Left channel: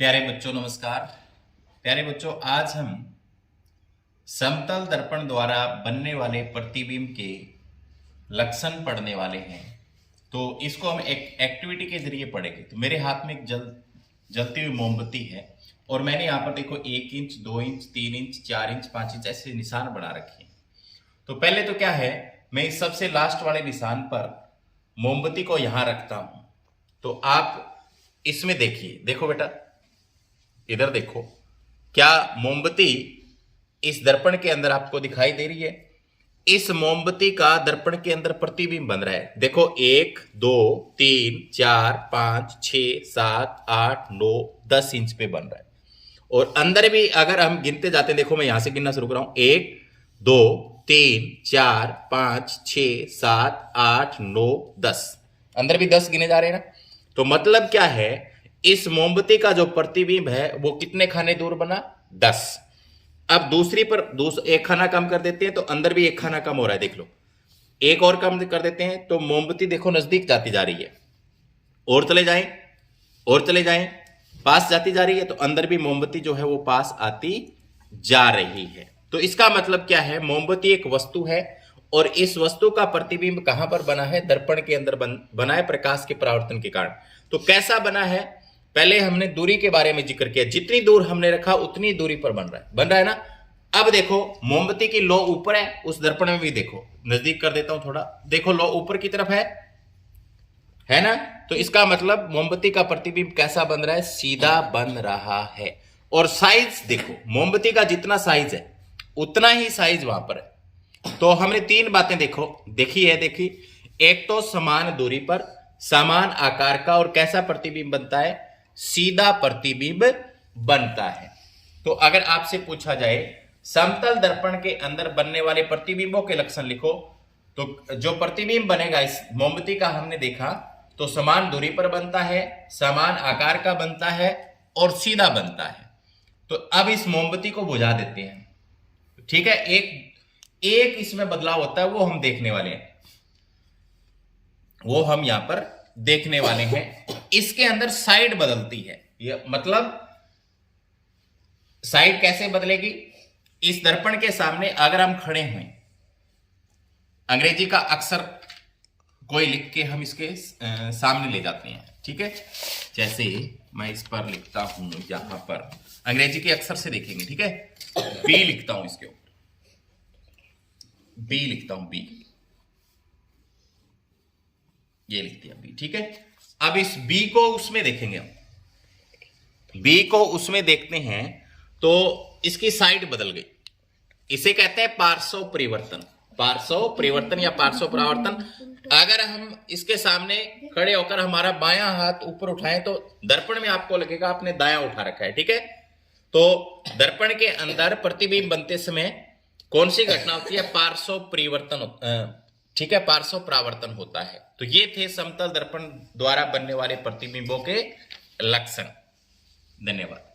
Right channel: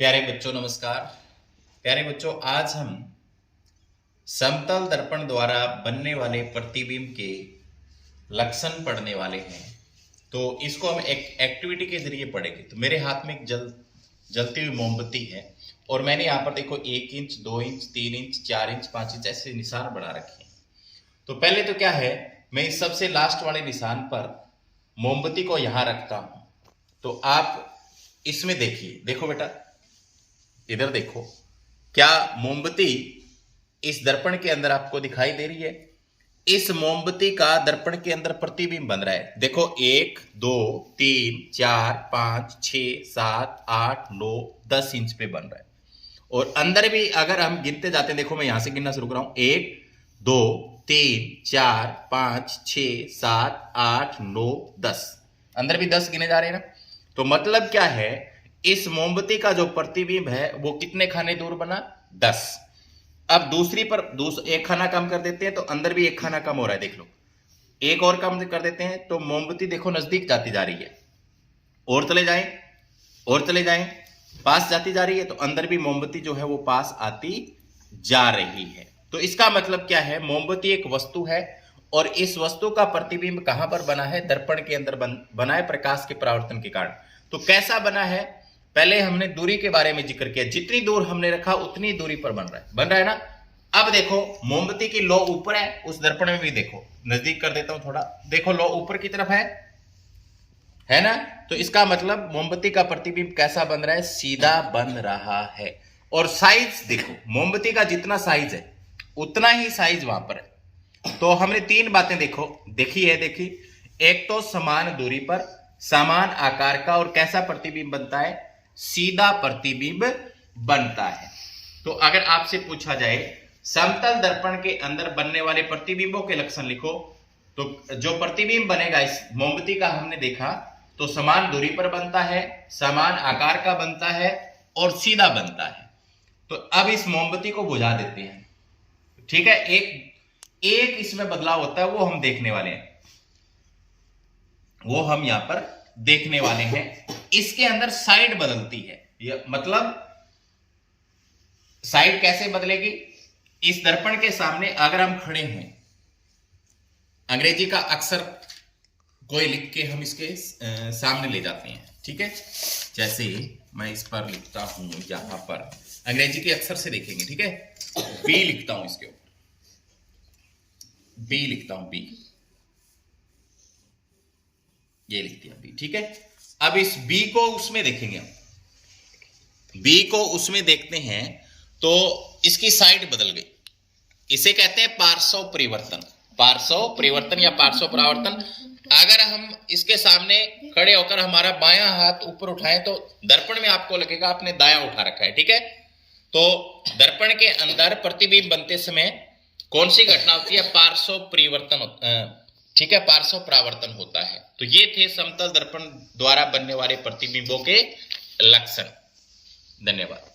प्यारे बच्चों नमस्कार। प्यारे बच्चों, आज हम समतल दर्पण द्वारा बनने वाले प्रतिबिंब के लक्षण पढ़ने वाले हैं। तो इसको हम एक एक्टिविटी के जरिए पढ़ेंगे। तो मेरे हाथ में एक जलती हुई मोमबत्ती है और मैंने यहाँ पर देखो 1 inch 2 inch 3 inch 4 inch 5 inch ऐसे निशान बना रखे हैं। तो पहले तो क्या है, मैं इस सबसे लास्ट वाले निशान पर मोमबत्ती को यहाँ रखता हूं। तो आप इसमें देखिए, देखो बेटा, इधर देखो, क्या मोमबत्ती इस दर्पण के अंदर आपको दिखाई दे रही है? इस मोमबत्ती का दर्पण के अंदर प्रतिबिंब बन रहा है। देखो 1 2 3 4 5 6 7 8 9 10 इंच पे बन रहा है। और अंदर भी अगर हम गिनते जाते हैं, देखो मैं यहां से गिनना शुरू कर रहा हूं, 1 2 3 4 5 6 7 8 9 10, अंदर भी 10 गिने जा रहे हैं ना। तो मतलब क्या है, इस मोमबत्ती का जो प्रतिबिंब है वो कितने खाने दूर बना? 10। अब दूसरी पर एक खाना कम कर देते हैं तो अंदर भी एक खाना कम हो रहा है। देख लो, एक और कम कर देते हैं तो मोमबत्ती देखो नजदीक जाती जा रही है। और चले जाएं, और चले जाएं, पास जाती जा रही है। तो अंदर भी मोमबत्ती जो है वो पास आती जा रही है। तो इसका मतलब क्या है, मोमबत्ती एक वस्तु है और इस वस्तु का प्रतिबिंब कहां पर बना है? दर्पण के अंदर बना है, प्रकाश के परावर्तन के कारण। तो कैसा बना है? पहले हमने दूरी के बारे में जिक्र किया, जितनी दूर हमने रखा उतनी दूरी पर बन रहा है ना। अब देखो, मोमबत्ती की लौ ऊपर है, उस दर्पण में भी देखो, नजदीक कर देता हूं थोड़ा, देखो लौ ऊपर की तरफ है ना। तो इसका मतलब मोमबत्ती का प्रतिबिंब कैसा बन रहा है? सीधा बन रहा है। और साइज देखो, मोमबत्ती का जितना साइज है उतना ही साइज वहां पर है। तो हमने 3 बातें देखी। एक तो समान दूरी पर समान आकार का और कैसा प्रतिबिंब बनता है? सीधा प्रतिबिंब बनता है। तो अगर आपसे पूछा जाए समतल दर्पण के अंदर बनने वाले प्रतिबिंबों के लक्षण लिखो, तो जो प्रतिबिंब बनेगा इस मोमबत्ती का हमने देखा, तो समान दूरी पर बनता है, समान आकार का बनता है और सीधा बनता है। तो अब इस मोमबत्ती को बुझा देते हैं, ठीक है। एक इसमें बदलाव होता है, वो हम देखने वाले हैं, वो हम यहां पर देखने वाले हैं। इसके अंदर साइड बदलती है। ये मतलब साइड कैसे बदलेगी? इस दर्पण के सामने अगर हम खड़े हुए, अंग्रेजी का अक्षर कोई लिख के हम इसके सामने ले जाते हैं, ठीक है। जैसे मैं इस पर लिखता हूं, यहां पर अंग्रेजी के अक्षर से देखेंगे, ठीक है। बी लिखता हूं, इसके ऊपर बी लिखता हूं, बी, ये लिख दिया बी, ठीक है। अब इस बी को उसमें देखेंगे हम, बी को उसमें देखते हैं तो इसकी साइड बदल गई। इसे कहते हैं पार्श्व परिवर्तन, पार्श्व परिवर्तन या पार्श्व परावर्तन। अगर हम इसके सामने खड़े होकर हमारा बायां हाथ ऊपर उठाएं तो दर्पण में आपको लगेगा आपने दायां उठा रखा है, ठीक है। तो दर्पण के अंदर प्रतिबिंब बनते समय कौन सी घटना होती है? पार्श्व परिवर्तन, ठीक है, पार्श्व परावर्तन होता है। तो ये थे समतल दर्पण द्वारा बनने वाले प्रतिबिंबों के लक्षण। धन्यवाद।